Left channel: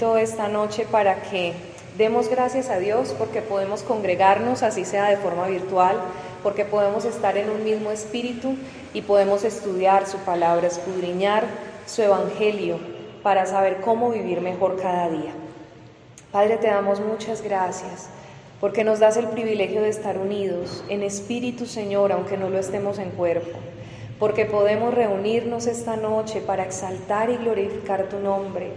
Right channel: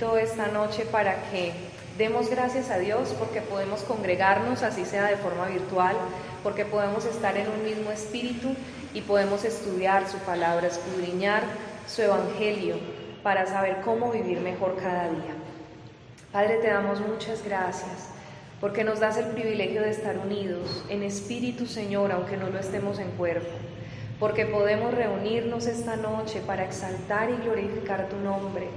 invito esta noche para que demos gracias a Dios porque podemos congregarnos, así sea de forma virtual, porque podemos estar en un mismo espíritu y podemos estudiar su palabra, escudriñar su evangelio para saber cómo vivir mejor cada día. Padre, te damos muchas gracias porque nos das el privilegio de estar unidos en espíritu, Señor, aunque no lo estemos en cuerpo, porque podemos reunirnos esta noche para exaltar y glorificar tu nombre,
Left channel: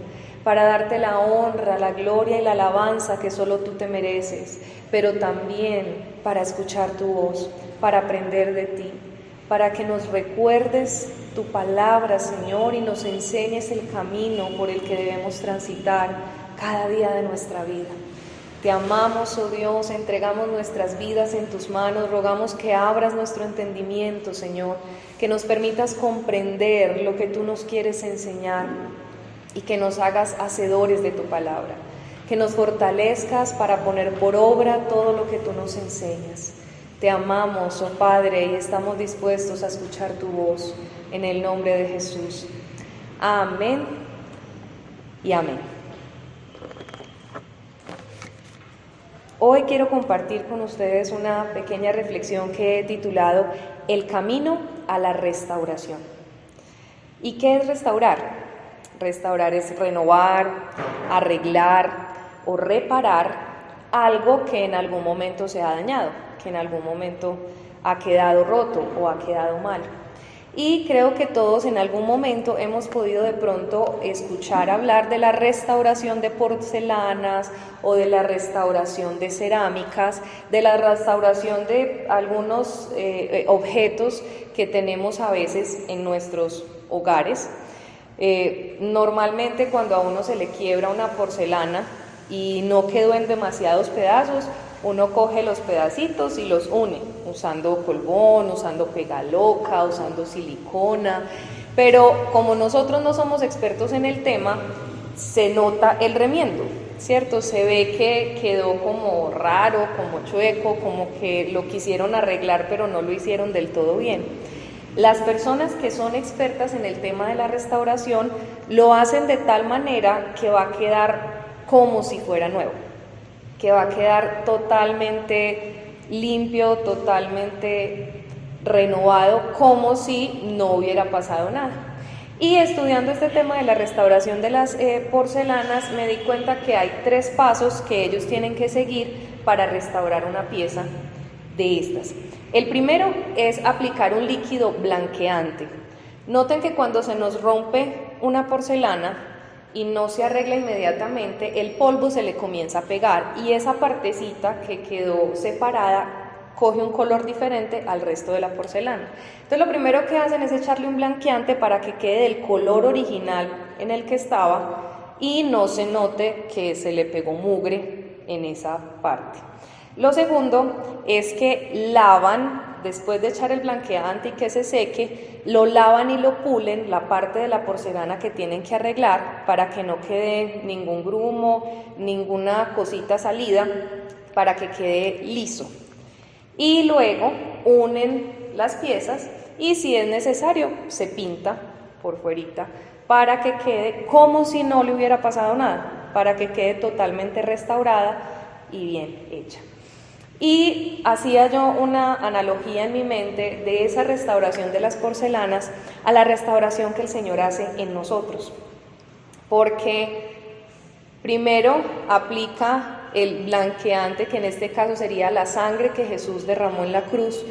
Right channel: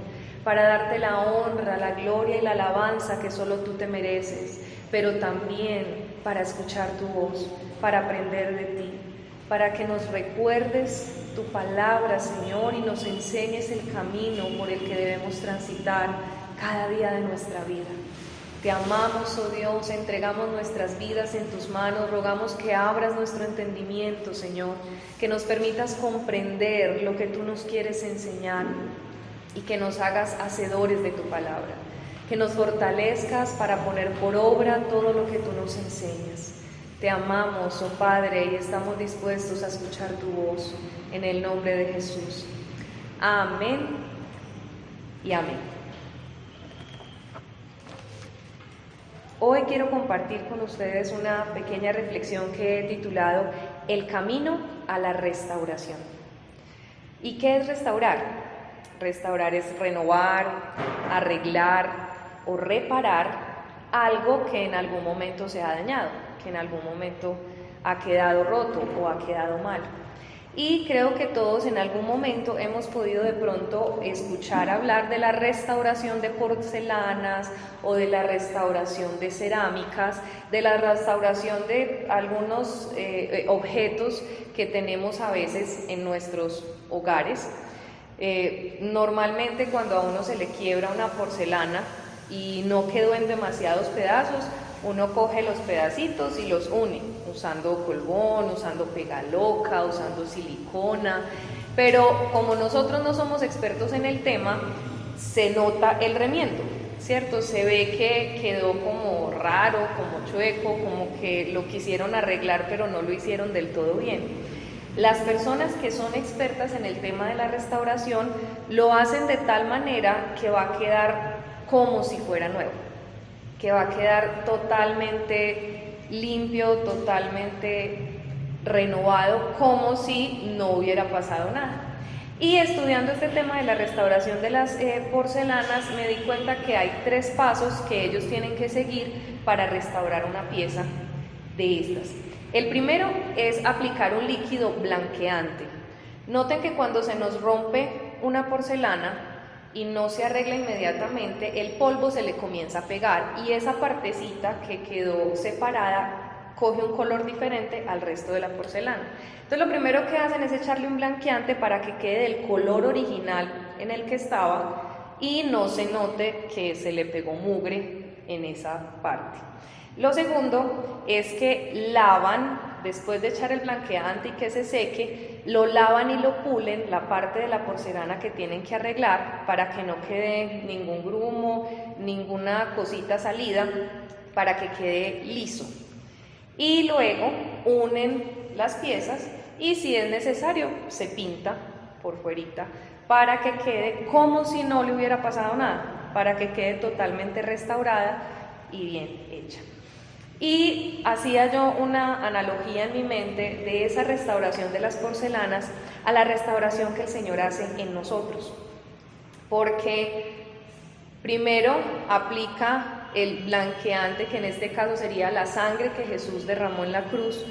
para darte la honra, la gloria y la alabanza que solo tú te mereces, pero también para escuchar tu voz, para aprender de ti, para que nos recuerdes tu palabra, Señor, y nos enseñes el camino por el que debemos transitar cada día de nuestra vida. Te amamos, oh Dios, entregamos nuestras vidas en tus manos, rogamos que abras nuestro entendimiento, Señor, que nos permitas comprender lo que tú nos quieres enseñar y que nos hagas hacedores de tu palabra, que nos fortalezcas para poner por obra todo lo que tú nos enseñas. Te amamos, oh Padre, y estamos dispuestos a escuchar tu voz, en el nombre de Jesús. Amén y amén. Hoy quiero compartir con ustedes una pequeña reflexión que he titulado El camino a la restauración. ¿Y qué es restaurar? Restaurar es renovar, arreglar o reparar algo que en algún momento se ha dañado, que en algún momento ha quedado roto o ha quedado mal. Y creo que todos en algún momento hemos podido de pronto escuchar hablar de la restauración de porcelanas o de la restauración de cerámicas, de la restauración de algunos objetos que tenemos a veces en nuestros hogares. Normalmente cuando a uno se le quiebra una porcelana y no quedó en demasiados pedazos, uno coge los pedacitos y los une, usando colbón, usando pegaloca, usando silicona, pero como nosotros no somos expertos en el tema, se nota el remiendo, ¿cierto? Se ve que quedó como raro, como chueco, como que lo quisieron arreglar, pero no lo hicieron del todo bien. Las personas que son expertas en el tema de la restauración lo hacen de tal manera que va a quedar como si fuera nuevo, que va a quedar totalmente limpio, totalmente renovado, como si no hubiera pasado nada. Y estudiando este tema de la restauración de las porcelanas, me di cuenta que hay 3 pasos que ellos tienen que seguir para restaurar una pieza de estas. El primero es aplicar un líquido blanqueante. Noten que cuando se nos rompe una porcelana y no se arregla inmediatamente, el polvo se le comienza a pegar y esa partecita que quedó separada coge un color diferente al resto de la porcelana. Entonces lo primero que hacen es echarle un blanqueante para que quede del color original en el que estaba y no se note que se le pegó mugre en esa parte. Lo segundo es que lavan, después de echar el blanqueante y que se seque, lo lavan y lo pulen, la parte de la porcelana que tienen que arreglar para que no quede ningún grumo, ninguna cosita salida, para que quede liso. Y luego unen las piezas y si es necesario se pinta por fuerita para que quede como si no le hubiera pasado nada, para que quede totalmente restaurada y bien hecha. Y hacía yo una analogía en mi mente de esa restauración de las porcelanas a la restauración que el Señor hace en nosotros. Porque primero aplica el blanqueante, que en este caso sería la sangre que Jesús derramó en la cruz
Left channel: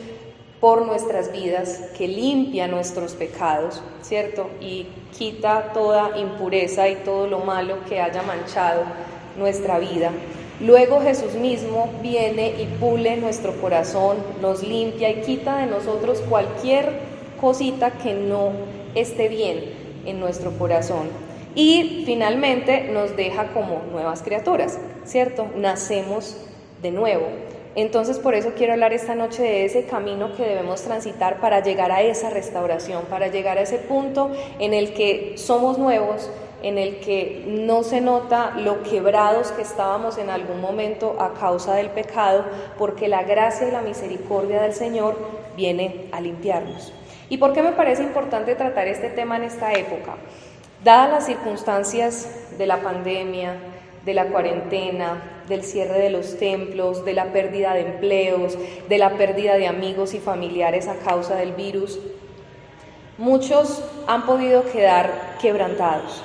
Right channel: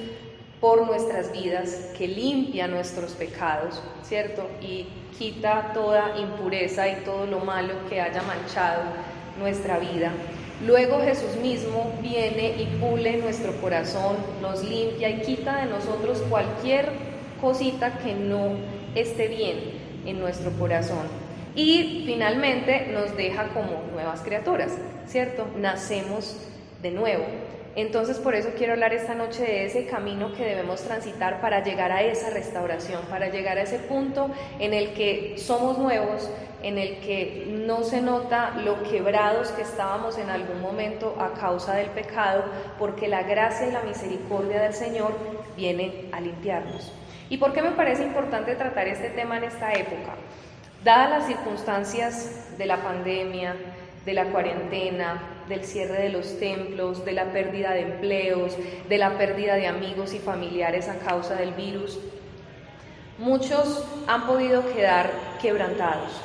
por nuestras vidas, que limpia nuestros pecados, ¿cierto? Y quita toda impureza y todo lo malo que haya manchado nuestra vida. Luego Jesús mismo viene y pule nuestro corazón, nos limpia y quita de nosotros cualquier cosita que no esté bien en nuestro corazón. Y finalmente nos deja como nuevas criaturas, ¿cierto? Nacemos de nuevo. Entonces por eso quiero hablar esta noche de ese camino que debemos transitar para llegar a esa restauración, para llegar a ese punto en el que somos nuevos, en el que no se nota lo quebrados que estábamos en algún momento a causa del pecado, porque la gracia y la misericordia del Señor viene a limpiarnos. ¿Y por qué me parece importante tratar este tema en esta época? Dadas las circunstancias de la pandemia, de la cuarentena, del cierre de los templos, de la pérdida de empleos, de la pérdida de amigos y familiares a causa del virus, muchos han podido quedar quebrantados,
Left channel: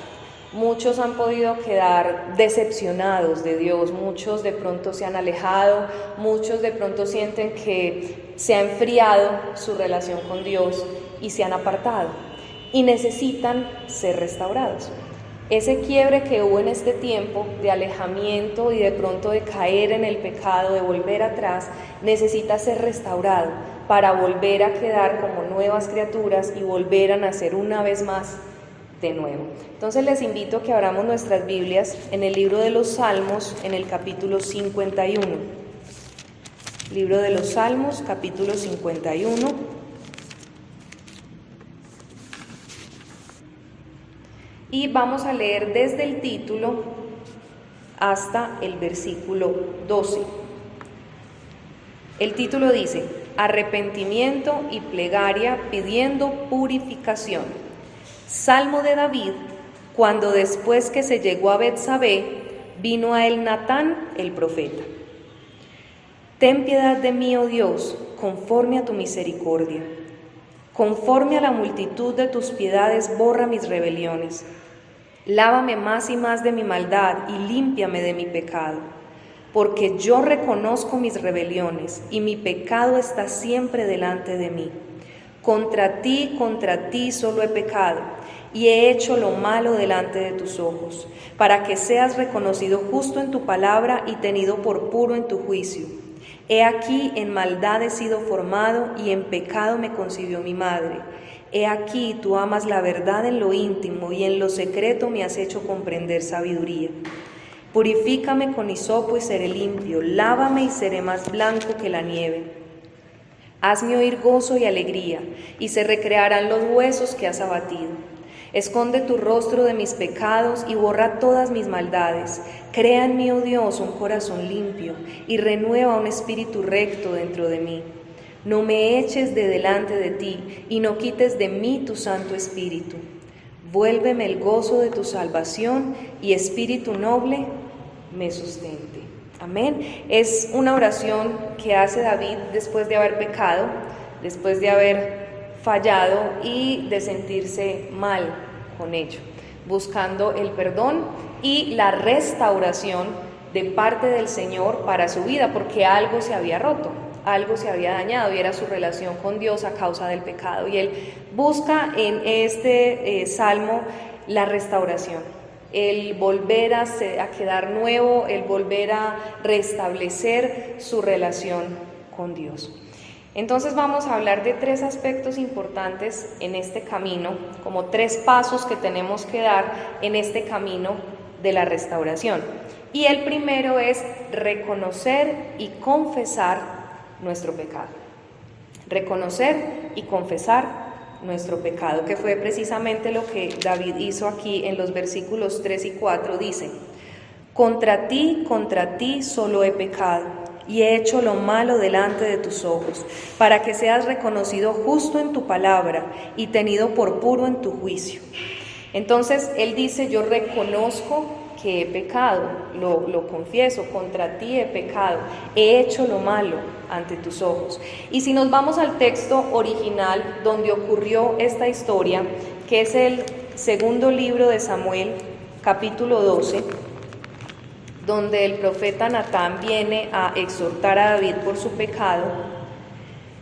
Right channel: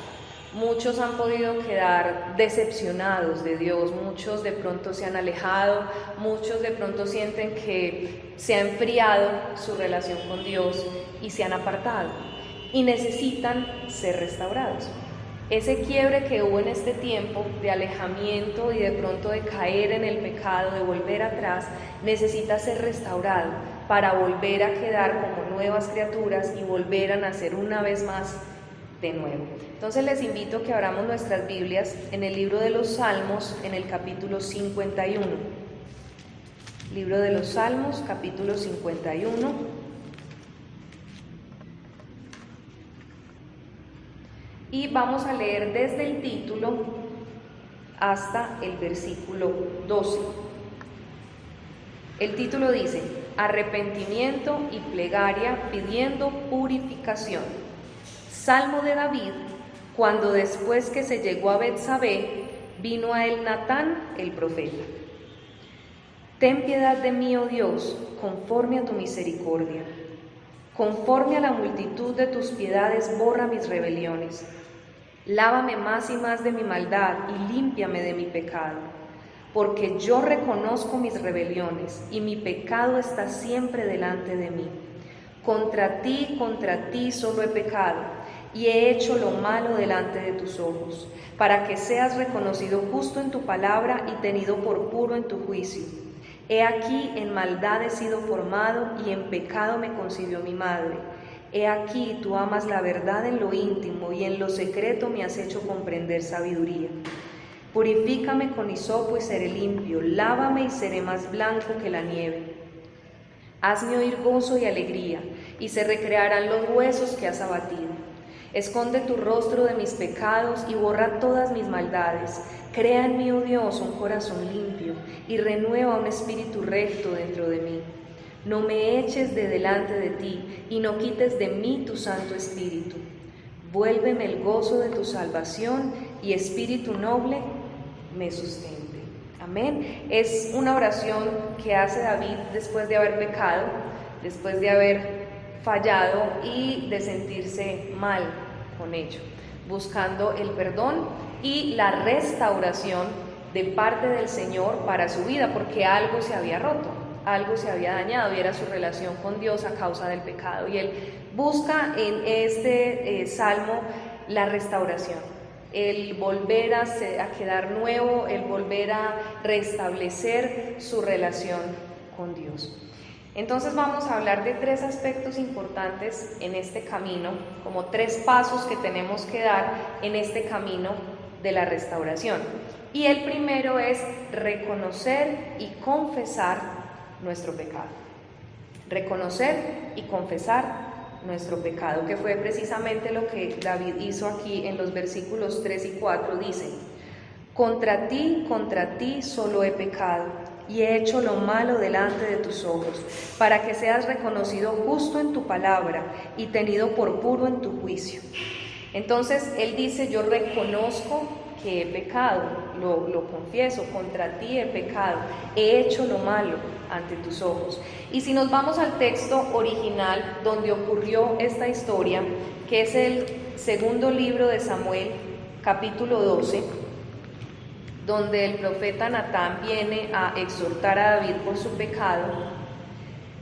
muchos han podido quedar decepcionados de Dios, muchos de pronto se han alejado, muchos de pronto sienten que se ha enfriado su relación con Dios y se han apartado y necesitan ser restaurados. Ese quiebre que hubo en este tiempo de alejamiento y de pronto de caer en el pecado, de volver atrás, necesita ser restaurado para volver a quedar como nuevas criaturas y volver a nacer una vez más de nuevo. Entonces les invito a que abramos nuestras Biblias en el libro de los Salmos, en el capítulo 51. Libro de los Salmos, capítulo 51. Y vamos a leer desde el título hasta el versículo 12. El título dice: Arrepentimiento y plegaria pidiendo purificación. Salmo de David, cuando después que se llegó a Betsabé, vino a él Natán el profeta. Ten piedad de mí, oh Dios, conforme a tu misericordia. Conforme a la multitud de tus piedades, borra mis rebeliones. Lávame más y más de mi maldad y límpiame de mi pecado, porque yo reconozco mis rebeliones y mi pecado está siempre delante de mí. Contra ti solo he pecado y he hecho lo malo delante de tus ojos, para que seas reconocido justo en tu palabra y tenido por puro en tu juicio. He aquí, en maldad he sido formado y en pecado me concibió mi madre. He aquí, tú amas la verdad en lo íntimo y en lo secreto me has hecho comprender sabiduría. Purifícame con hisopo y seré limpio, lávame y seré más blanco que la nieve. Hazme oír gozo y alegría, y se recrearán los huesos que has abatido. Esconde tu rostro de mis pecados y borra todas mis maldades. Crea en mí, oh Dios, un corazón limpio, y renueva un espíritu recto dentro de mí. No me eches de delante de ti, y no quites de mí tu Santo Espíritu. Vuélveme el gozo de tu salvación, y espíritu noble me sustente. Amén. Es una oración que hace David después de haber pecado, después de haber fallado y de sentirse mal con ello, buscando el perdón y la restauración de parte del Señor para su vida, porque algo se había roto, algo se había dañado y era su relación con Dios a causa del pecado. Y él busca en este salmo la restauración, el volver a quedar nuevo, el volver a restablecer su relación con Dios. Entonces vamos a hablar de tres aspectos importantes en este camino, como tres pasos que tenemos que dar en este camino de la restauración. Y el primero es reconocer y confesar nuestro pecado. Reconocer y confesar nuestro pecado, que fue precisamente lo que David hizo aquí en los versículos 3 y 4. Dice: contra ti solo he pecado y he hecho lo malo delante de tus ojos, para que seas reconocido justo en tu palabra y tenido por puro en tu juicio. Entonces él dice: yo reconozco que he pecado, lo confieso, contra ti he pecado, he hecho lo malo ante tus ojos. Y si nos vamos al texto original donde ocurrió esta historia, que es el segundo libro de Samuel, capítulo 12, donde el profeta Natán viene a exhortar a David por su pecado,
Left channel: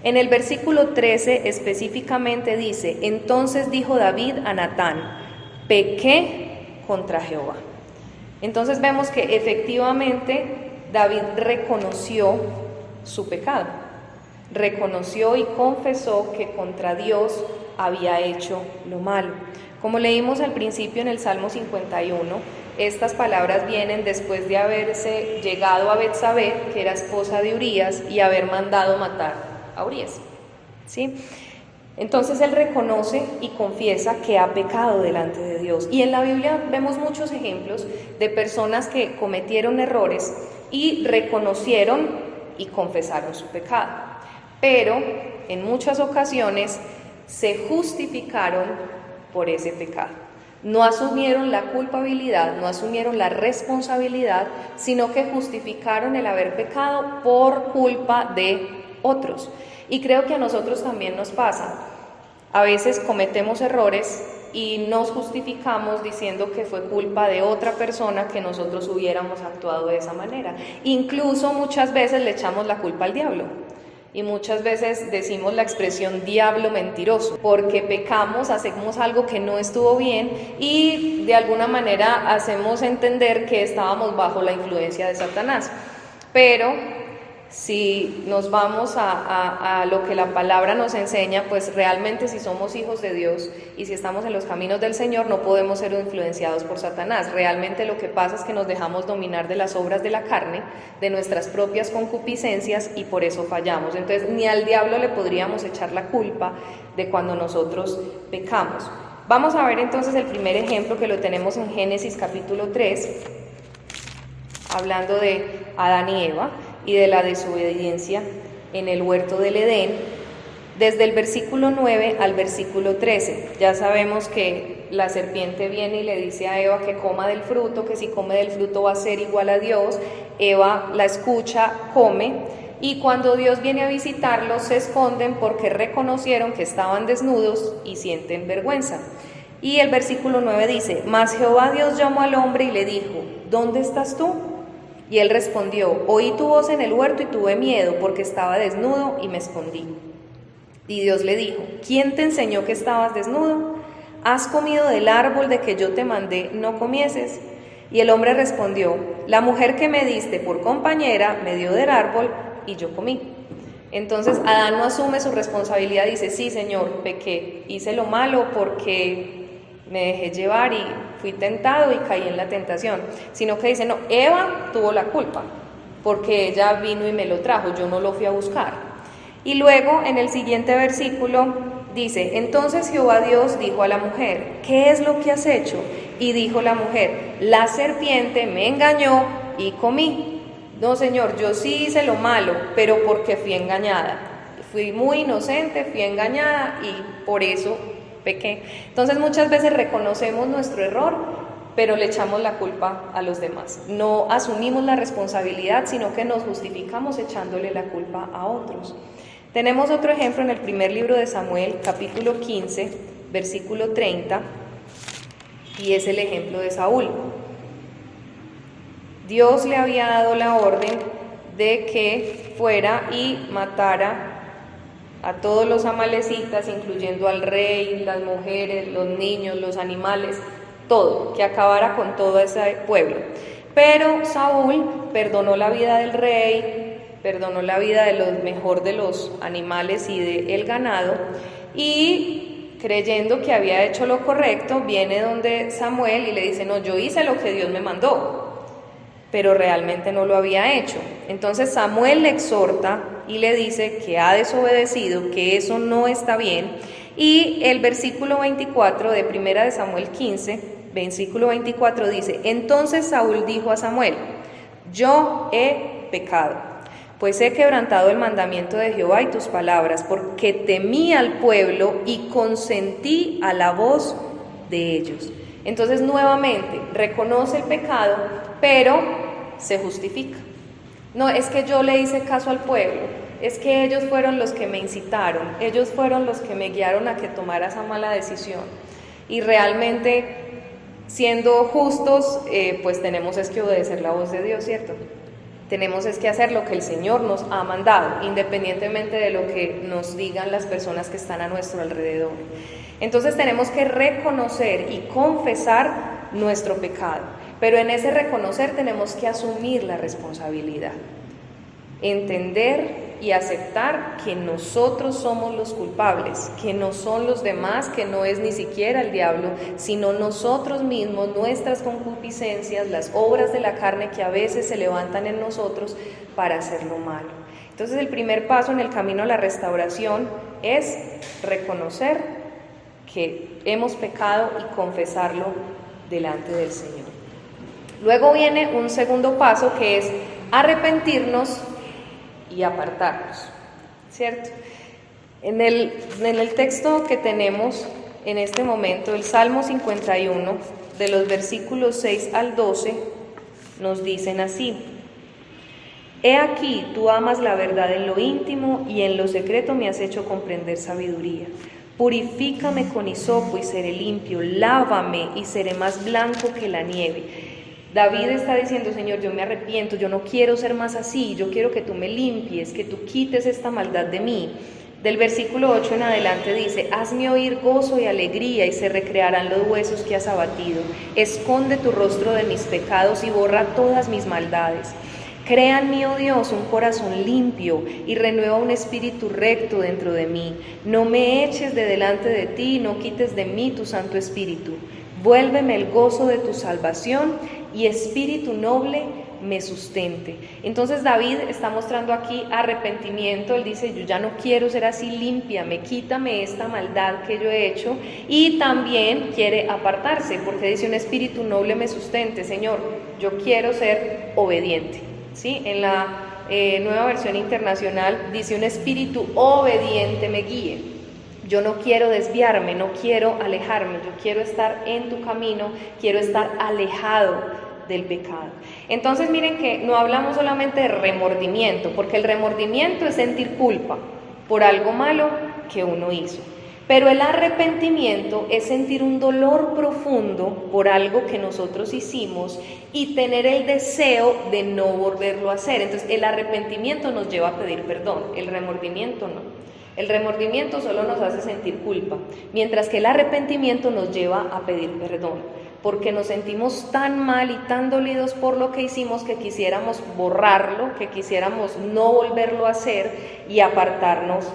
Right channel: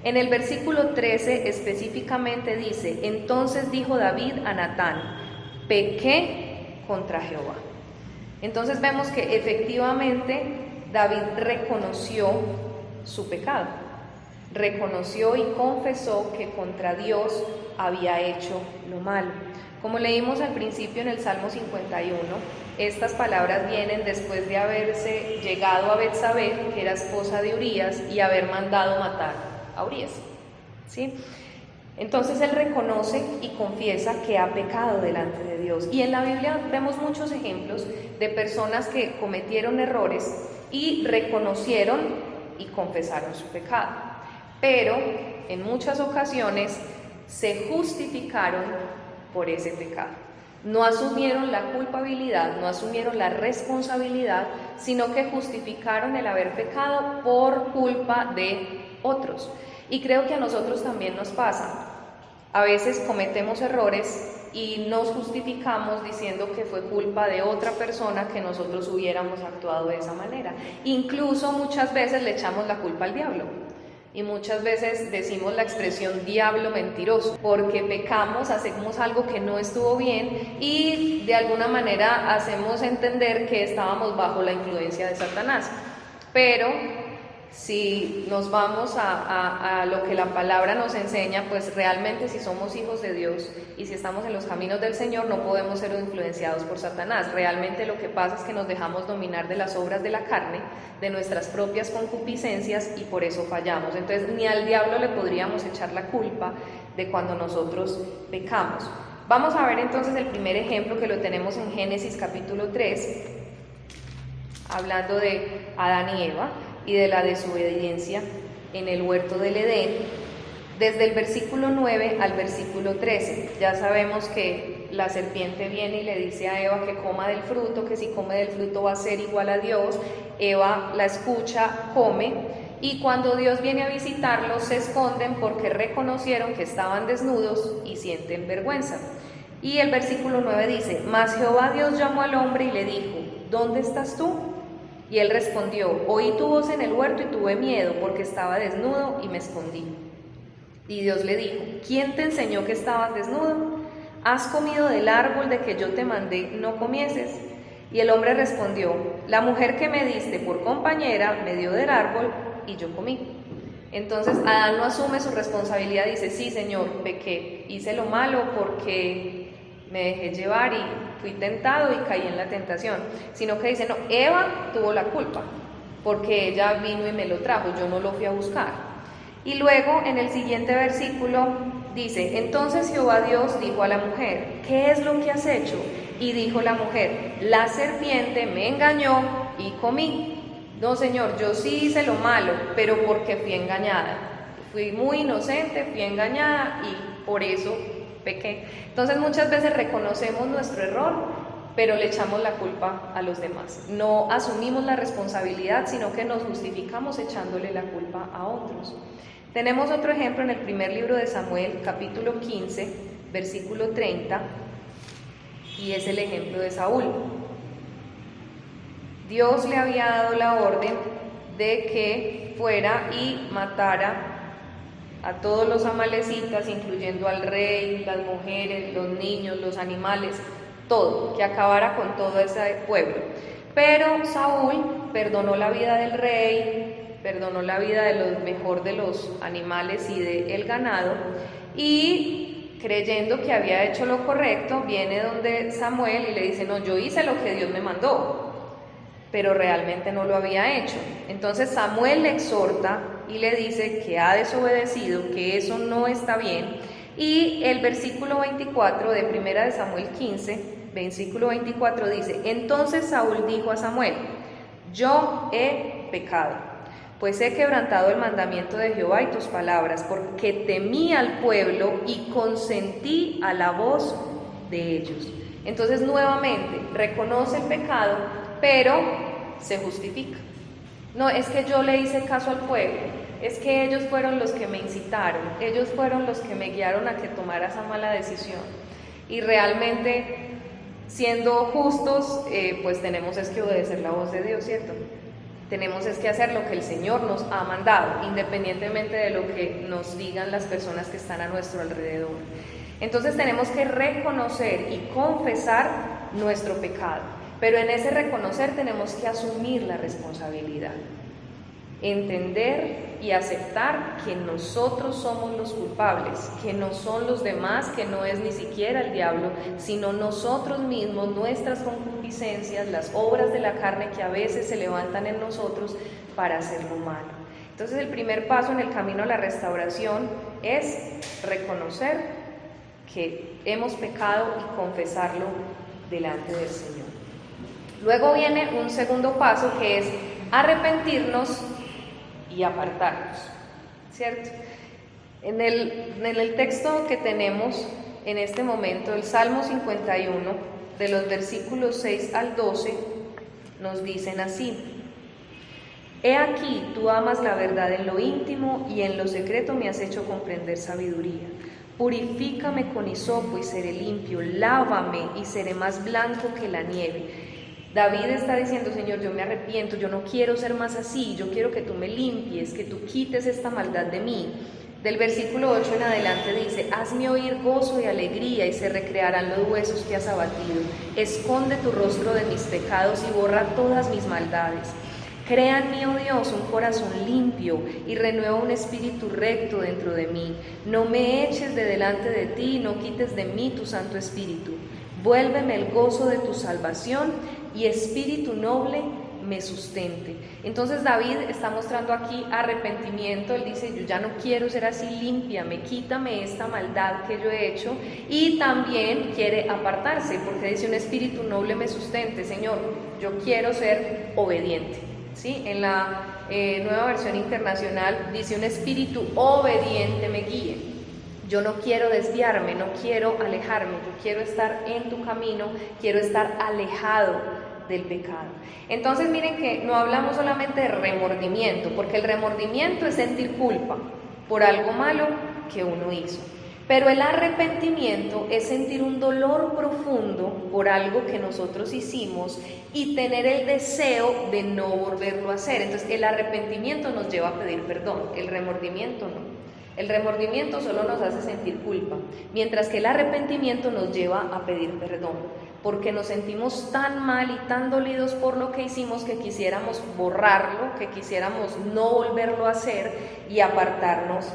en el versículo 13 específicamente dice: entonces dijo David a Natán, pequé contra Jehová. Entonces vemos que efectivamente David reconoció su pecado, reconoció y confesó que contra Dios había hecho lo malo. Como leímos al principio en el Salmo 51, estas palabras vienen después de haberse llegado a Betsabé, que era esposa de Urías, y haber mandado matar a Urías, ¿sí? Entonces él reconoce y confiesa que ha pecado delante de Dios. Y en la Biblia vemos muchos ejemplos de personas que cometieron errores y reconocieron y confesaron su pecado. Pero en muchas ocasiones se justificaron por ese pecado. No asumieron la culpabilidad, no asumieron la responsabilidad, sino que justificaron el haber pecado por culpa de otros. Y creo que a nosotros también nos pasa. A veces cometemos errores y nos justificamos diciendo que fue culpa de otra persona que nosotros hubiéramos actuado de esa manera. Incluso muchas veces le echamos la culpa al diablo. Y muchas veces decimos la expresión diablo mentiroso, porque pecamos, hacemos algo que no estuvo bien y de alguna manera hacemos entender que estábamos bajo la influencia de Satanás. Pero si nos vamos a lo que la palabra nos enseña, pues realmente si somos hijos de Dios y si estamos en los caminos del Señor, no podemos ser influenciados por Satanás. Realmente lo que pasa es que nos dejamos dominar de las obras de la carne, de nuestras propias concupiscencias, y por eso fallamos. Entonces ni al diablo le podríamos echar la culpa de cuando nosotros pecamos. Vamos a ver entonces el primer ejemplo, que lo tenemos en Génesis capítulo 3, hablando de Adán y Eva y de la desobediencia en el huerto del Edén, desde el versículo 9 al versículo 13. Ya sabemos que la serpiente viene y le dice a Eva que coma del fruto, que si come del fruto va a ser igual a Dios. Eva la escucha, come, y cuando Dios viene a visitarlos se esconden porque reconocieron que estaban desnudos y sienten vergüenza. Y el versículo 9 dice: Mas Jehová Dios llamó al hombre y le dijo: ¿Dónde estás tú? Y él respondió: Oí tu voz en el huerto y tuve miedo, porque estaba desnudo y me escondí. Y Dios le dijo: ¿Quién te enseñó que estabas desnudo? ¿Has comido del árbol de que yo te mandé no comieses? Y el hombre respondió: La mujer que me diste por compañera me dio del árbol y yo comí. Entonces Adán no asume su responsabilidad, dice: sí, Señor, pequé, hice lo malo porque me dejé llevar y fui tentado y caí en la tentación, sino que dice: no, Eva tuvo la culpa porque ella vino y me lo trajo, yo no lo fui a buscar. Y luego en el siguiente versículo dice: entonces Jehová Dios dijo a la mujer: ¿qué es lo que has hecho? Y dijo la mujer: la serpiente me engañó y comí. No, Señor, yo sí hice lo malo, pero porque fui engañada, fui muy inocente, fui engañada y por eso pequé. Entonces muchas veces reconocemos nuestro error, pero le echamos la culpa a los demás. No asumimos la responsabilidad, sino que nos justificamos echándole la culpa a otros. Tenemos otro ejemplo en el primer libro de Samuel, capítulo 15, versículo 30, y es el ejemplo de Saúl. Dios le había dado la orden de que fuera y matara a todos los amalecitas, incluyendo al rey, las mujeres, los niños, los animales, todo, que acabara con todo ese pueblo. Pero Saúl perdonó la vida del rey, perdonó la vida de lo mejor de los animales y del ganado, y creyendo que había hecho lo correcto, viene donde Samuel y le dice: no, yo hice lo que Dios me mandó, pero realmente no lo había hecho. Entonces Samuel le exhorta y le dice que ha desobedecido, que eso no está bien. Y el versículo 24 de primera de Samuel 15, versículo 24 dice: entonces Saúl dijo a Samuel: yo he pecado, pues he quebrantado el mandamiento de Jehová y tus palabras, porque temí al pueblo y consentí a la voz de ellos. Entonces nuevamente reconoce el pecado, pero se justifica. No, es que yo le hice caso al pueblo, es que ellos fueron los que me incitaron, ellos fueron los que me guiaron a que tomara esa mala decisión. Y realmente, siendo justos, pues tenemos es que obedecer la voz de Dios, ¿cierto? Tenemos es que hacer lo que el Señor nos ha mandado, independientemente de lo que nos digan las personas que están a nuestro alrededor. Entonces tenemos que reconocer y confesar nuestro pecado, pero en ese reconocer tenemos que asumir la responsabilidad, entender y aceptar que nosotros somos los culpables, que no son los demás, que no es ni siquiera el diablo, sino nosotros mismos, nuestras concupiscencias, las obras de la carne que a veces se levantan en nosotros para hacer lo malo. Entonces el primer paso en el camino a la restauración es reconocer que hemos pecado y confesarlo delante del Señor. Luego viene un segundo paso, que es arrepentirnos y apartarnos, ¿cierto? En el texto que tenemos en este momento el Salmo 51, de los versículos 6 al 12, nos dicen así: He aquí, tú amas la verdad en lo íntimo y en lo secreto me has hecho comprender sabiduría. Purifícame con hisopo y seré limpio, lávame y seré más blanco que la nieve. David está diciendo: Señor, yo me arrepiento, yo no quiero ser más así, yo quiero que tú me limpies, que tú quites esta maldad de mí. Del versículo 8 en adelante dice: Hazme oír gozo y alegría y se recrearán los huesos que has abatido. Esconde tu rostro de mis pecados y borra todas mis maldades. Crea en mí, oh Dios, un corazón limpio y renueva un espíritu recto dentro de mí. No me eches de delante de ti y no quites de mí tu Santo Espíritu. Vuélveme el gozo de tu salvación y espíritu noble me sustente. Entonces David está mostrando aquí arrepentimiento. Él dice: yo ya no quiero ser así, límpiame, quítame esta maldad que yo he hecho. Y también quiere apartarse, porque dice: un espíritu noble me sustente. Señor, yo quiero ser obediente. ¿Sí? En la Nueva Versión Internacional dice: un espíritu obediente me guíe. Yo no quiero desviarme, no quiero alejarme, yo quiero estar en tu camino, quiero estar alejado del pecado. Entonces miren que no hablamos solamente de remordimiento, porque el remordimiento es sentir culpa por algo malo que uno hizo. Pero el arrepentimiento es sentir un dolor profundo por algo que nosotros hicimos y tener el deseo de no volverlo a hacer. Entonces el arrepentimiento nos lleva a pedir perdón, el remordimiento no. El remordimiento solo nos hace sentir culpa, mientras que el arrepentimiento nos lleva a pedir perdón, porque nos sentimos tan mal y tan dolidos por lo que hicimos que quisiéramos borrarlo, que quisiéramos no volverlo a hacer y apartarnos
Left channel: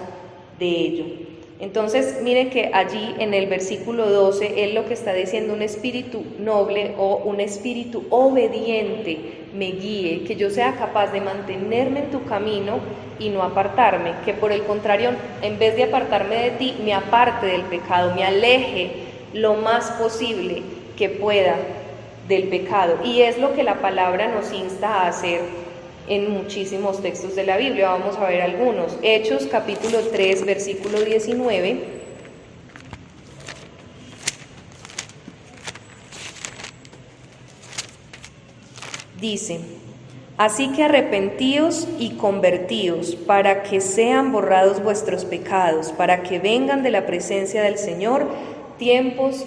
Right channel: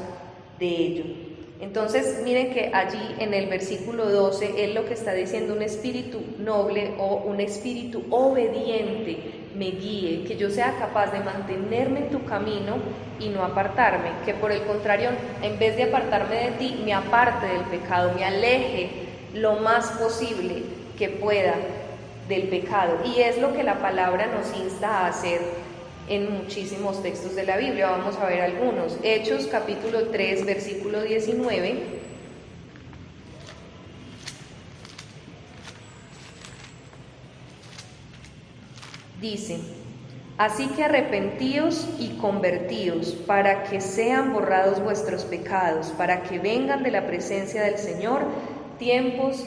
de ello. Entonces miren que allí en el versículo 12 él lo que está diciendo: un espíritu noble o un espíritu obediente me guíe, que yo sea capaz de mantenerme en tu camino y no apartarme, que por el contrario, en vez de apartarme de ti, me aparte del pecado, me aleje lo más posible que pueda del pecado. Y es lo que la palabra nos insta a hacer en muchísimos textos de la Biblia. Vamos a ver algunos. Hechos capítulo 3, versículo 19. Dice: Así que arrepentíos y convertíos, para que sean borrados vuestros pecados, para que vengan de la presencia del Señor tiempos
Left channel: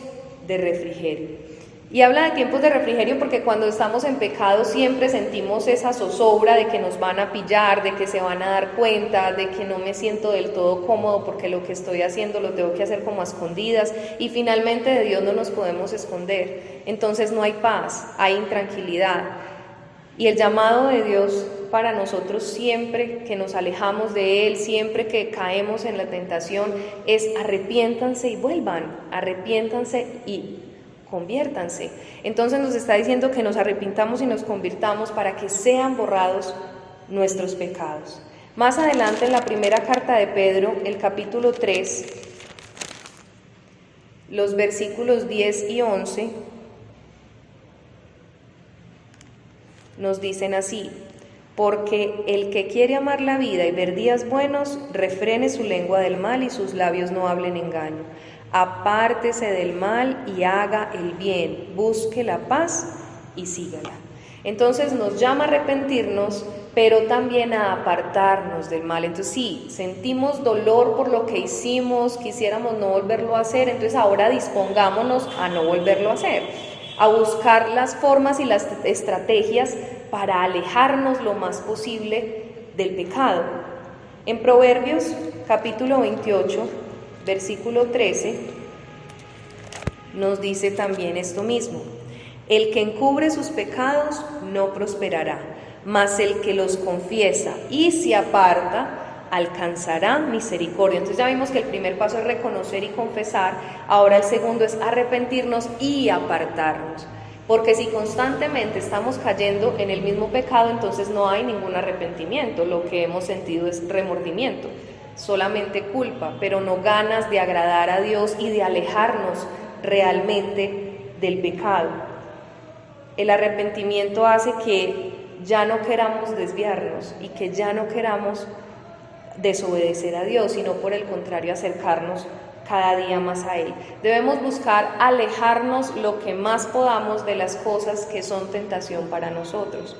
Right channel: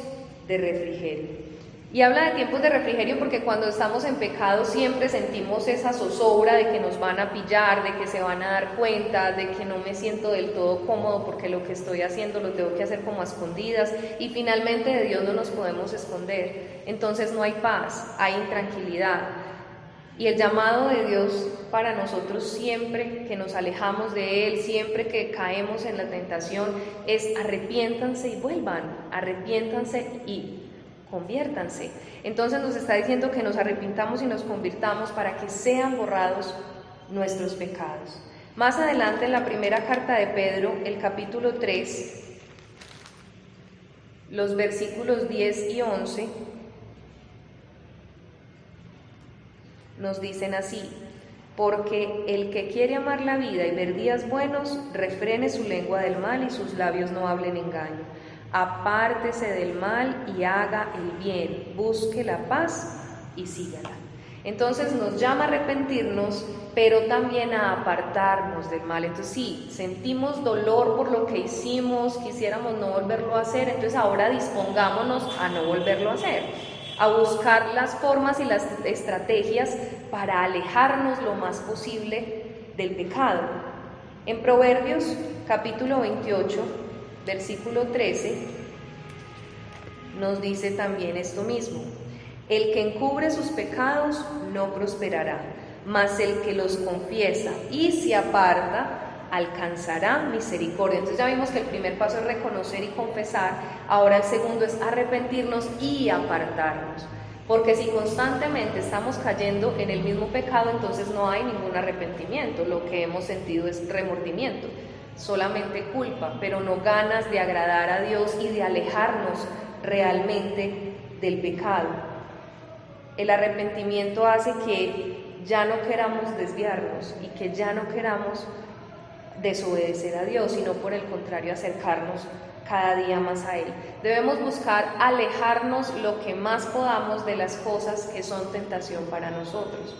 de refrigerio. Y habla de tiempos de refrigerio porque cuando estamos en pecado siempre sentimos esa zozobra de que nos van a pillar, de que se van a dar cuenta, de que no me siento del todo cómodo porque lo que estoy haciendo lo tengo que hacer como a escondidas, y finalmente de Dios no nos podemos esconder. Entonces no hay paz, hay intranquilidad. Y el llamado de Dios para nosotros siempre que nos alejamos de Él, siempre que caemos en la tentación, es: arrepiéntanse y vuelvan, arrepiéntanse y conviértanse. Entonces nos está diciendo que nos arrepintamos y nos convirtamos para que sean borrados nuestros pecados. Más adelante en la primera carta de Pedro, el capítulo 3, los versículos 10 y 11, nos dicen así: porque el que quiere amar la vida y ver días buenos, refrene su lengua del mal y sus labios no hablen engaño. Apártese del mal y haga el bien, busque la paz y sígala. Entonces nos llama a arrepentirnos, pero también a apartarnos del mal. Entonces sí, sentimos dolor por lo que hicimos, quisiéramos no volverlo a hacer, entonces ahora dispongámonos a no volverlo a hacer, a buscar las formas y las estrategias para alejarnos lo más posible del pecado. En Proverbios capítulo 28, versículo 13, nos dice también esto mismo: el que encubre sus pecados no prosperará, mas el que los confiesa y se aparta alcanzará misericordia. Entonces ya vimos que el primer paso es reconocer y confesar, ahora el segundo es arrepentirnos y apartarnos, porque si constantemente estamos cayendo en el mismo pecado, entonces no hay ningún arrepentimiento, lo que hemos sentido es remordimiento, solamente culpa, pero no ganas de agradar a Dios y de alejarnos realmente del pecado. El arrepentimiento hace que ya no queramos desviarnos y que ya no queramos desobedecer a Dios, sino por el contrario acercarnos cada día más a Él. Debemos buscar alejarnos lo que más podamos de las cosas que son tentación para nosotros.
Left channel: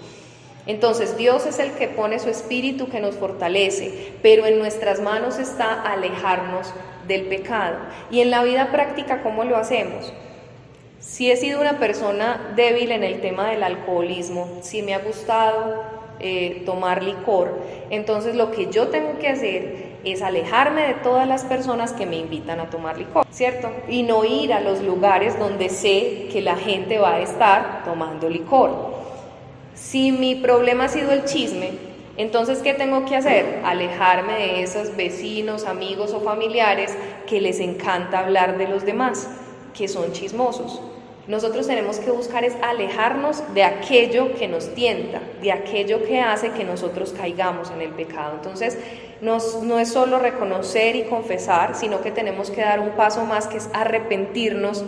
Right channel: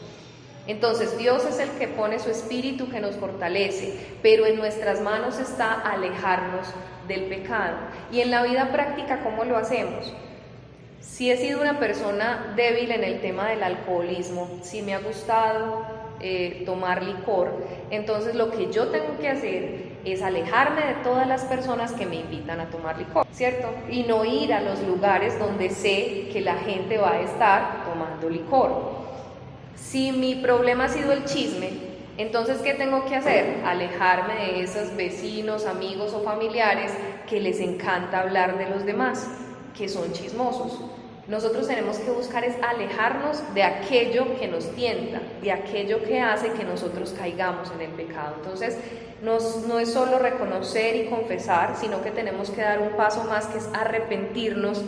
Entonces Dios es el que pone su espíritu, que nos fortalece, pero en nuestras manos está alejarnos del pecado. Y en la vida práctica, ¿cómo lo hacemos? Si he sido una persona débil en el tema del alcoholismo, si me ha gustado tomar licor, entonces lo que yo tengo que hacer es alejarme de todas las personas que me invitan a tomar licor, ¿cierto? Y no ir a los lugares donde sé que la gente va a estar tomando licor. Si mi problema ha sido el chisme, entonces ¿qué tengo que hacer? Alejarme de esos vecinos, amigos o familiares que les encanta hablar de los demás, que son chismosos. Nosotros tenemos que buscar es alejarnos de aquello que nos tienta, de aquello que hace que nosotros caigamos en el pecado. Entonces, no es solo reconocer y confesar, sino que tenemos que dar un paso más, que es arrepentirnos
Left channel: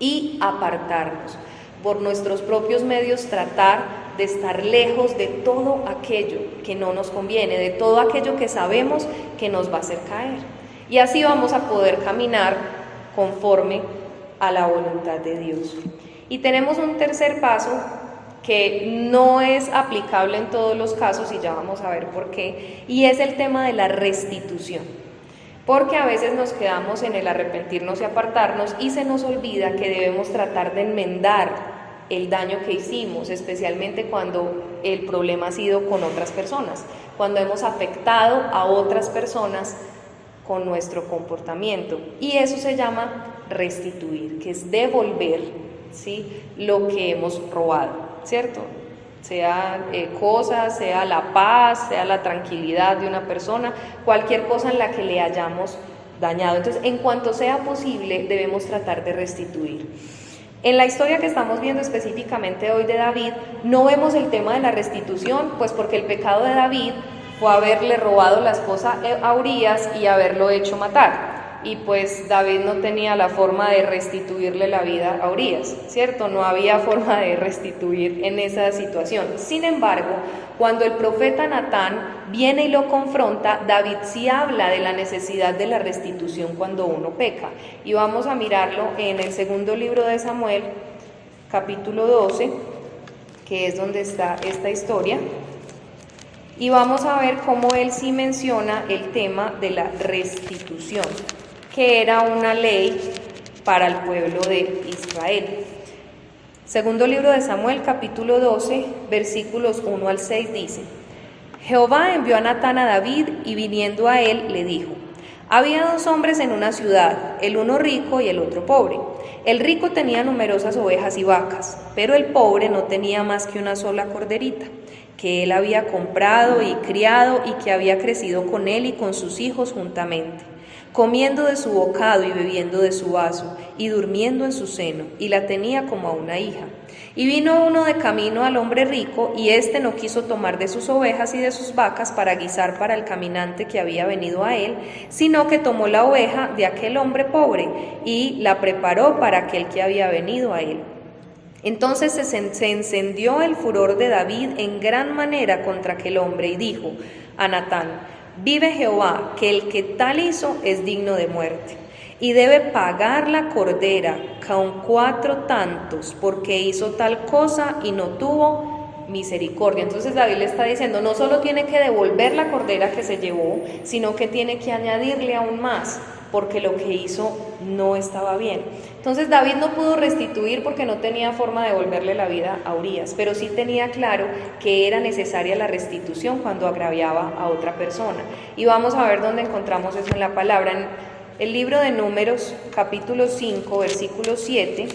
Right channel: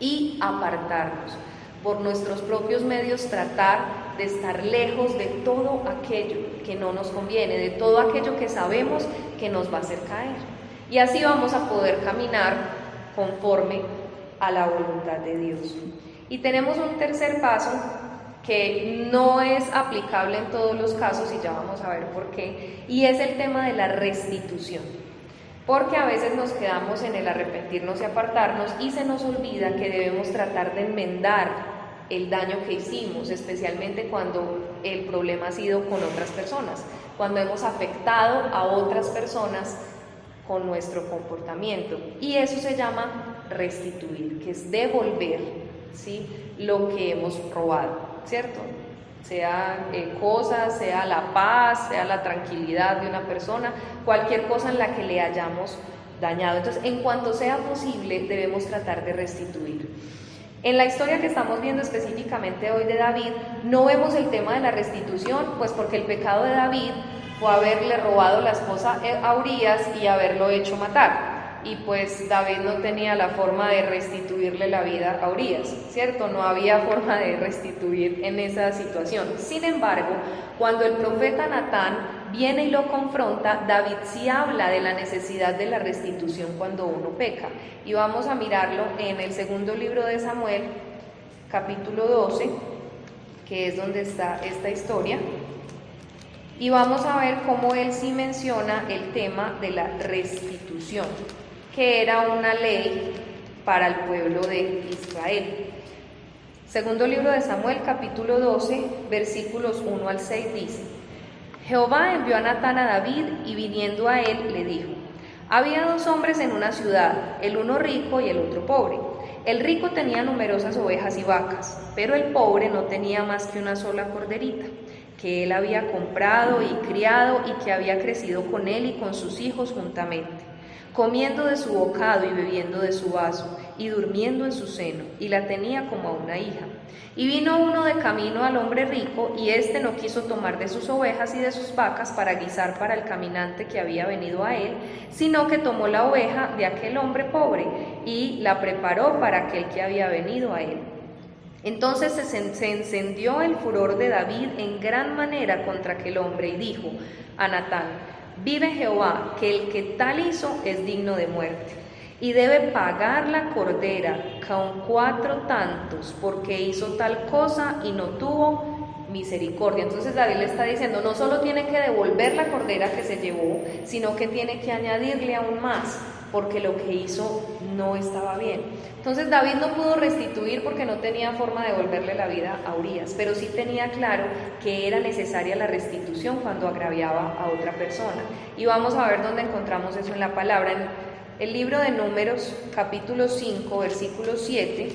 y apartarnos. Por nuestros propios medios tratar de estar lejos de todo aquello que no nos conviene, de todo aquello que sabemos que nos va a hacer caer. Y así vamos a poder caminar conforme a la voluntad de Dios. Y tenemos un tercer paso que no es aplicable en todos los casos, y ya vamos a ver por qué, y es el tema de la restitución. Porque a veces nos quedamos en el arrepentirnos y apartarnos y se nos olvida que debemos tratar de enmendar el daño que hicimos, especialmente cuando el problema ha sido con otras personas, cuando hemos afectado a otras personas con nuestro comportamiento. Y eso se llama restituir, que es devolver, ¿sí?, lo que hemos robado, ¿cierto? Sea cosas, sea la paz, sea la tranquilidad de una persona, cualquier cosa en la que le hayamos dañado. Entonces, en cuanto sea posible, debemos tratar de restituir. En la historia que estamos viendo específicamente hoy de David, no vemos el tema de la restitución, pues porque el pecado de David fue haberle robado la esposa a Urías y haberlo hecho matar. Y pues David no tenía la forma de restituirle la vida a Urías, ¿cierto? No había forma de restituir en esa situación. Sin embargo, cuando el profeta Natán viene y lo confronta, David sí habla de la necesidad de la restitución cuando uno peca. Y vamos a mirarlo en el segundo libro de Samuel, capítulo 12, que es donde está esta historia. Y vamos a ver cómo él sí menciona el tema de la restitución, que era una ley para el pueblo de Israel. Segundo libro de Samuel, capítulo 12, versículos 1 al 6 dice: Jehová envió a Natán a David, y viniendo a él le dijo: había dos hombres en una ciudad, el uno rico y el otro pobre. El rico tenía numerosas ovejas y vacas, pero el pobre no tenía más que una sola corderita, que él había comprado y criado y que había crecido con él y con sus hijos juntamente, comiendo de su bocado y bebiendo de su vaso y durmiendo en su seno, y la tenía como a una hija. Y vino uno de camino al hombre rico, y éste no quiso tomar de sus ovejas y de sus vacas para guisar para el caminante que había venido a él, sino que tomó la oveja de aquel hombre pobre y la preparó para aquel que había venido a él. Entonces se encendió el furor de David en gran manera contra aquel hombre, y dijo a Natán: vive Jehová, que el que tal hizo es digno de muerte, y debe pagar la cordera con 4 tantos, porque hizo tal cosa y no tuvo misericordia. Entonces David le está diciendo, no solo tiene que devolver la cordera que se llevó, sino que tiene que añadirle aún más, porque lo que hizo no estaba bien. Entonces David no pudo restituir porque no tenía forma de devolverle la vida a Urías, pero sí tenía claro que era necesaria la restitución cuando agraviaba a otra persona. Y vamos a ver dónde encontramos eso en la palabra. En el libro de Números, capítulo 5, versículo 7,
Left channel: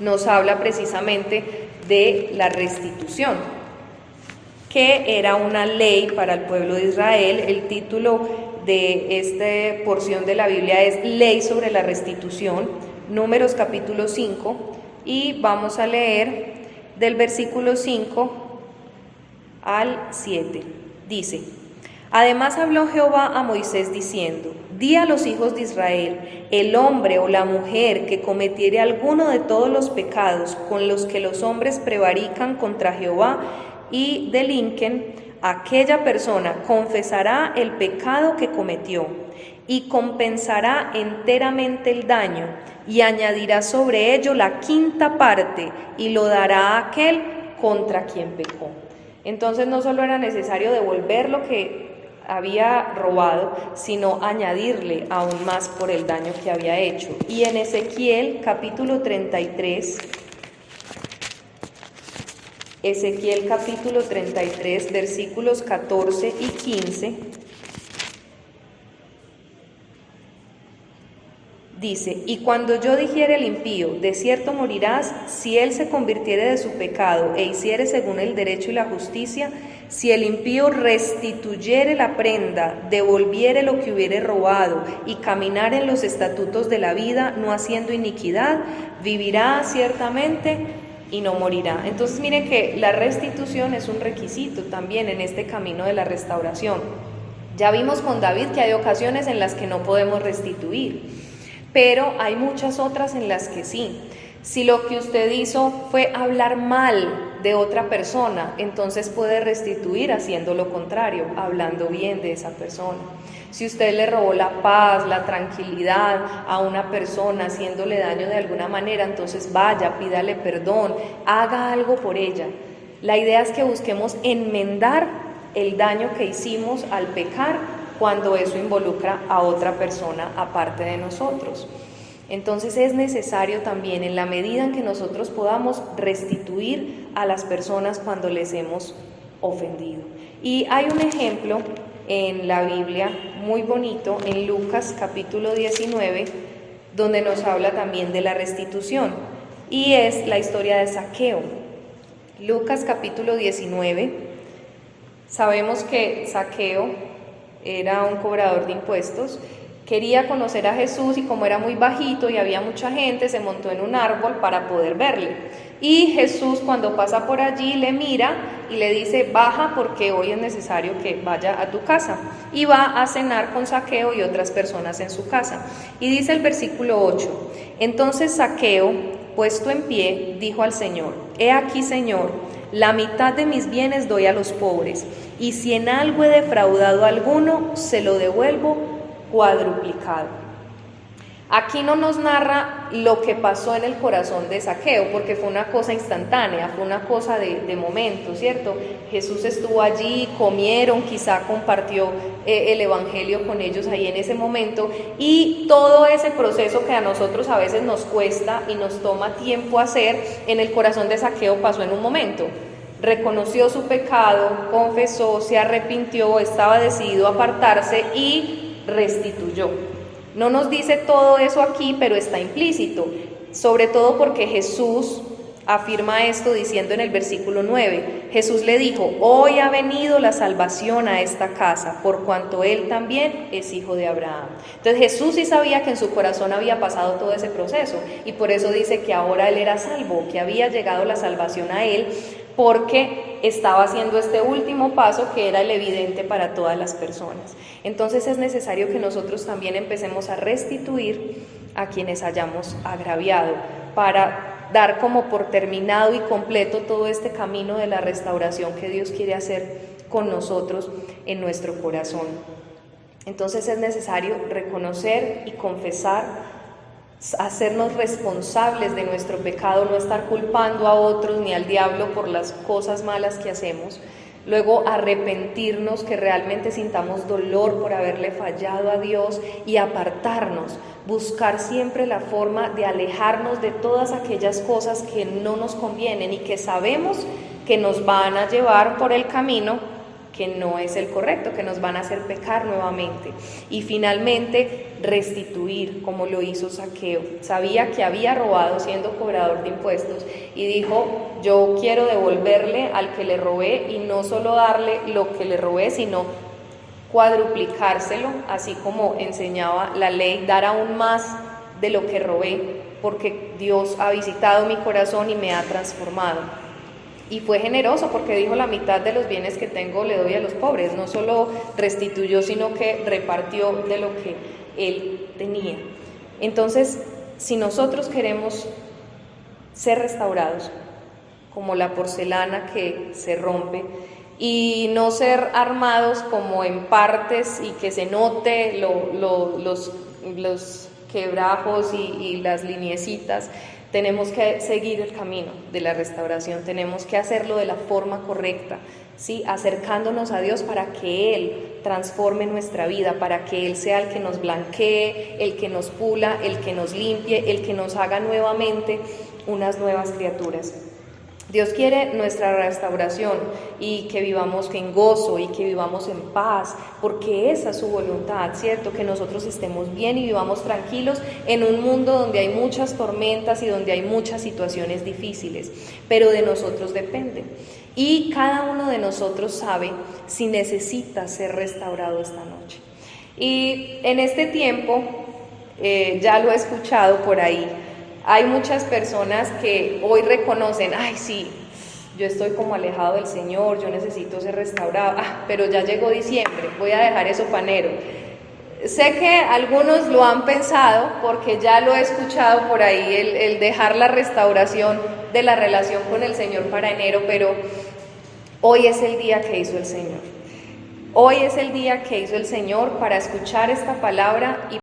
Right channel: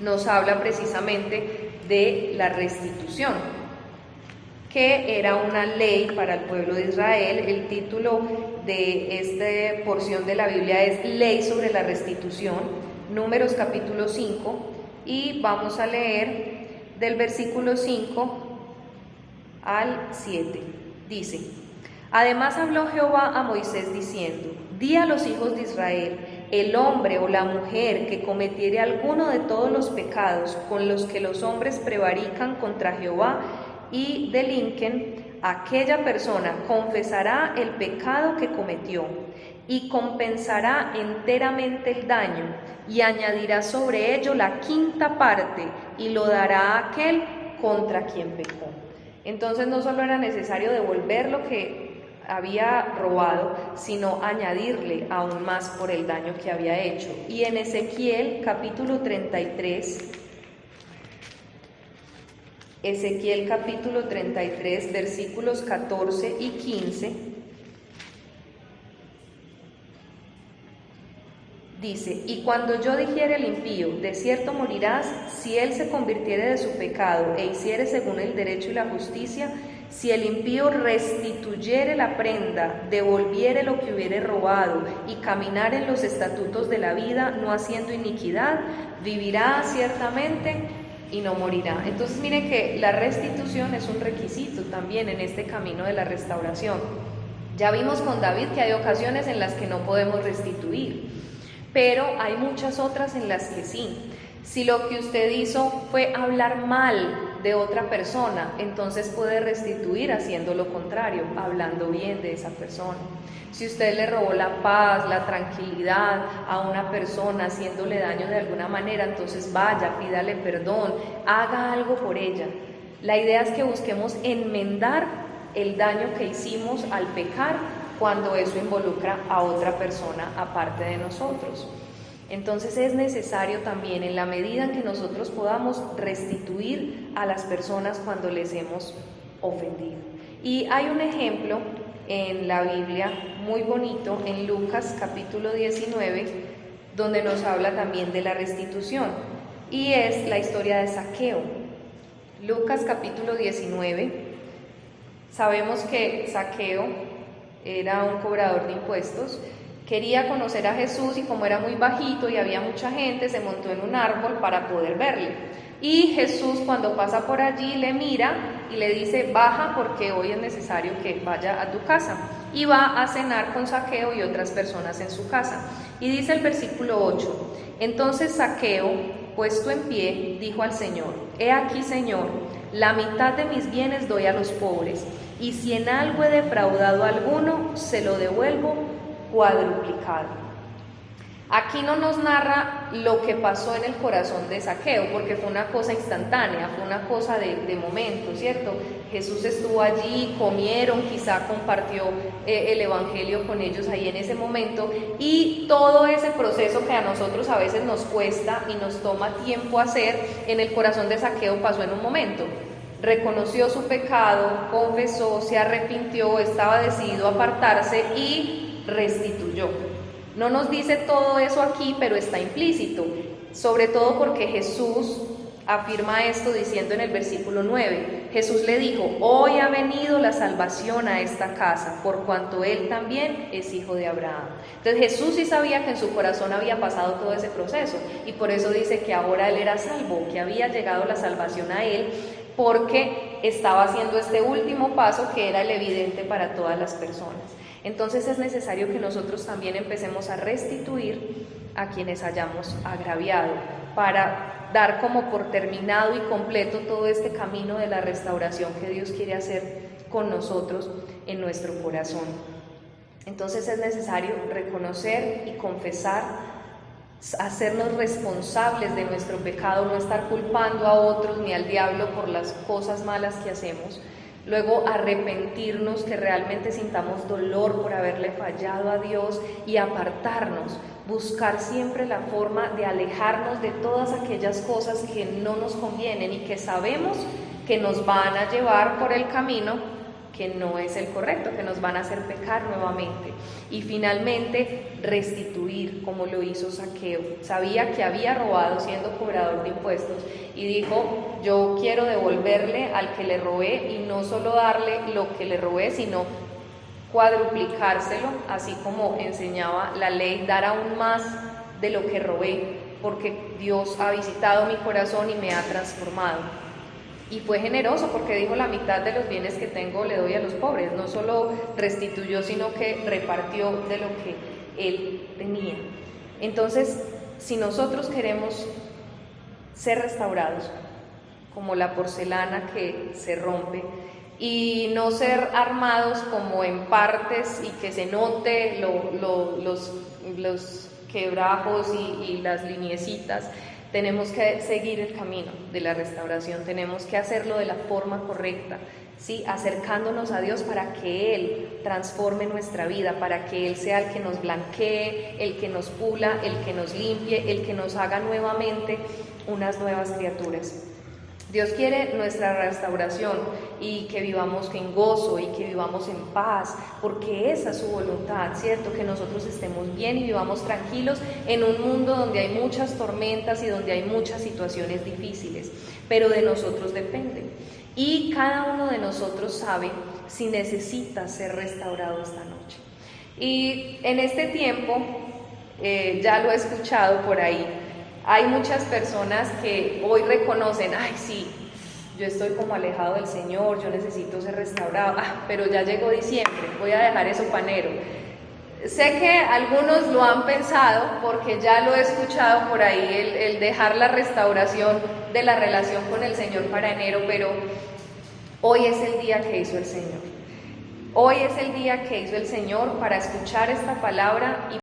nos habla precisamente de la restitución, que era una ley para el pueblo de Israel. El título de esta porción de la Biblia es Ley sobre la restitución, Números capítulo 5, y vamos a leer del versículo 5 al 7. Dice: además habló Jehová a Moisés diciendo: di a los hijos de Israel, el hombre o la mujer que cometiere alguno de todos los pecados con los que los hombres prevarican contra Jehová y delinquen, aquella persona confesará el pecado que cometió y compensará enteramente el daño y añadirá sobre ello la quinta parte y lo dará a aquel contra quien pecó. Entonces no solo era necesario devolver lo que había robado, sino añadirle aún más por el daño que había hecho. Y en Ezequiel capítulo 33, versículos 14 y 15, dice: y cuando yo dijere al impío, de cierto morirás, si él se convirtiere de su pecado e hiciere según el derecho y la justicia, si el impío restituyere la prenda, devolviere lo que hubiere robado y caminar en los estatutos de la vida, no haciendo iniquidad, vivirá ciertamente y no morirá. Entonces miren que la restitución es un requisito también en este camino de la restauración. Ya vimos con David que hay ocasiones en las que no podemos restituir, pero hay muchas otras en las que sí. Si lo que usted hizo fue hablar mal de otra persona, entonces puede restituir haciendo lo contrario, hablando bien de esa persona. Si usted le robó la paz, la tranquilidad a una persona, haciéndole daño de alguna manera, entonces vaya, pídale perdón, haga algo por ella. La idea es que busquemos enmendar el daño que hicimos al pecar cuando eso involucra a otra persona aparte de nosotros. Entonces es necesario también, en la medida en que nosotros podamos, restituir a las personas cuando les hemos ofendido. Y hay un ejemplo en la Biblia muy bonito, en Lucas capítulo 19, donde nos habla también de la restitución, y es la historia de Zaqueo. Lucas capítulo 19, sabemos que Zaqueo era un cobrador de impuestos. Quería conocer a Jesús y como era muy bajito y había mucha gente, se montó en un árbol para poder verle. Y Jesús, cuando pasa por allí, le mira y le dice: baja porque hoy es necesario que vaya a tu casa. Y va a cenar con Zaqueo y otras personas en su casa. Y dice el versículo 8: entonces Zaqueo, puesto en pie, dijo al Señor: he aquí, Señor, la mitad de mis bienes doy a los pobres, y si en algo he defraudado a alguno, se lo devuelvo cuadruplicado. Aquí no nos narra lo que pasó en el corazón de Zaqueo, porque fue una cosa instantánea, fue una cosa de momento, ¿cierto? Jesús estuvo allí, comieron, quizá compartió el evangelio con ellos ahí en ese momento, y todo ese proceso que a nosotros a veces nos cuesta y nos toma tiempo hacer, en el corazón de Zaqueo pasó en un momento. Reconoció su pecado, confesó, se arrepintió, estaba decidido a apartarse y restituyó. No nos dice todo eso aquí, pero está implícito, sobre todo porque Jesús afirma esto diciendo en el versículo 9, Jesús le dijo: hoy ha venido la salvación a esta casa, por cuanto él también es hijo de Abraham. Entonces Jesús sí sabía que en su corazón había pasado todo ese proceso, y por eso dice que ahora él era salvo, que había llegado la salvación a él, porque estaba haciendo este último paso que era el evidente para todas las personas. Entonces es necesario que nosotros también empecemos a restituir a quienes hayamos agraviado, para dar como por terminado y completo todo este camino de la restauración que Dios quiere hacer con nosotros en nuestro corazón. Entonces es necesario reconocer y confesar, hacernos responsables de nuestro pecado, no estar culpando a otros ni al diablo por las cosas malas que hacemos. Luego arrepentirnos, que realmente sintamos dolor por haberle fallado a Dios, y apartarnos, buscar siempre la forma de alejarnos de todas aquellas cosas que no nos convienen y que sabemos que nos van a llevar por el camino que no es el correcto, que nos van a hacer pecar nuevamente. Y finalmente restituir, como lo hizo Zaqueo. Sabía que había robado siendo cobrador de impuestos y dijo: yo quiero devolverle al que le robé, y no solo darle lo que le robé, sino cuadruplicárselo, así como enseñaba la ley, dar aún más de lo que robé, porque Dios ha visitado mi corazón y me ha transformado. Y fue generoso porque dijo: la mitad de los bienes que tengo le doy a los pobres. No solo restituyó, sino que repartió de lo que él tenía. Entonces, si nosotros queremos ser restaurados, como la porcelana que se rompe, y no ser armados como en partes y que se note los quebrajos y las lineecitas. Tenemos que seguir el camino de la restauración, tenemos que hacerlo de la forma correcta, ¿sí? Acercándonos a Dios para que Él transforme nuestra vida, para que Él sea el que nos blanquee, el que nos pula, el que nos limpie, el que nos haga nuevamente unas nuevas criaturas. Dios quiere nuestra restauración y que vivamos en gozo y que vivamos en paz, porque esa es su voluntad, ¿cierto? Que nosotros estemos bien y vivamos tranquilos en un mundo donde hay muchas tormentas y donde hay muchas situaciones difíciles, pero de nosotros depende. Y cada uno de nosotros sabe si necesita ser restaurado esta noche. Y en este tiempo, ya lo he escuchado por ahí, hay muchas personas que hoy reconocen, ay sí, yo estoy como alejado del Señor, yo necesito ser restaurado, pero ya llegó diciembre, voy a dejar eso para enero. Sé que algunos lo han pensado porque ya lo he escuchado por ahí, el dejar la restauración de la relación con el Señor para enero, pero hoy es el día que hizo el Señor. Hoy es el día que hizo el Señor para escuchar esta palabra y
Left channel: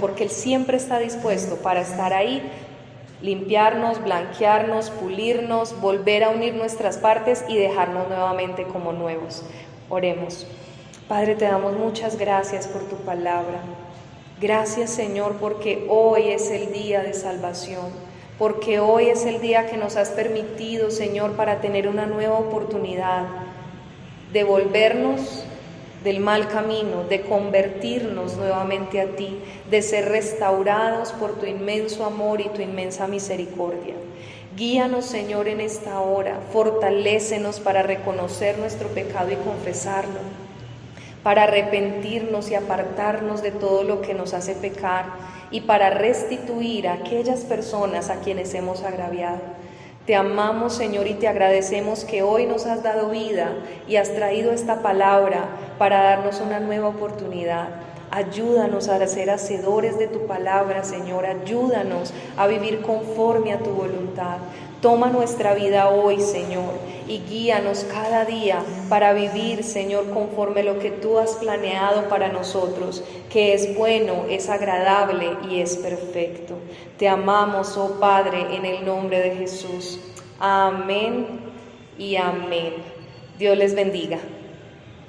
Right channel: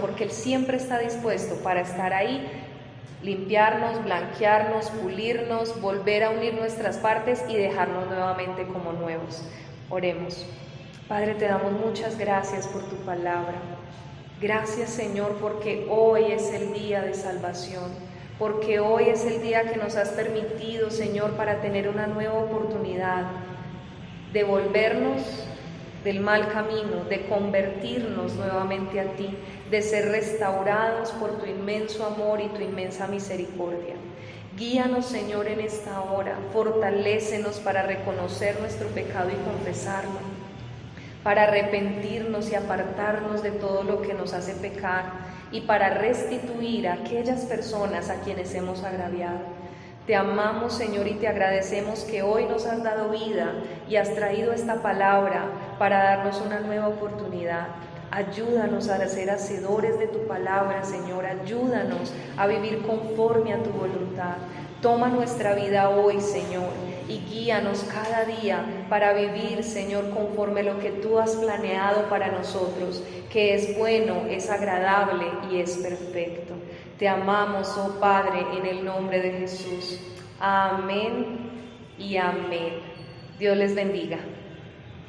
porque Él siempre está dispuesto para estar ahí, limpiarnos, blanquearnos, pulirnos, volver a unir nuestras partes y dejarnos nuevamente como nuevos. Oremos. Padre, te damos muchas gracias por tu palabra. Gracias, Señor, porque hoy es el día de salvación, porque hoy es el día que nos has permitido, Señor, para tener una nueva oportunidad de volvernos del mal camino, de convertirnos nuevamente a ti, de ser restaurados por tu inmenso amor y tu inmensa misericordia. Guíanos, Señor, en esta hora, fortalécenos para reconocer nuestro pecado y confesarlo, para arrepentirnos y apartarnos de todo lo que nos hace pecar y para restituir a aquellas personas a quienes hemos agraviado. Te amamos, Señor, y te agradecemos que hoy nos has dado vida y has traído esta palabra para darnos una nueva oportunidad. Ayúdanos a ser hacedores de tu palabra, Señor. Ayúdanos a vivir conforme a tu voluntad. Toma nuestra vida hoy, Señor, y guíanos cada día para vivir, Señor, conforme a lo que tú has planeado para nosotros, que es bueno, es agradable y es perfecto. Te amamos, oh Padre, en el nombre de Jesús. Amén y amén. Dios les bendiga.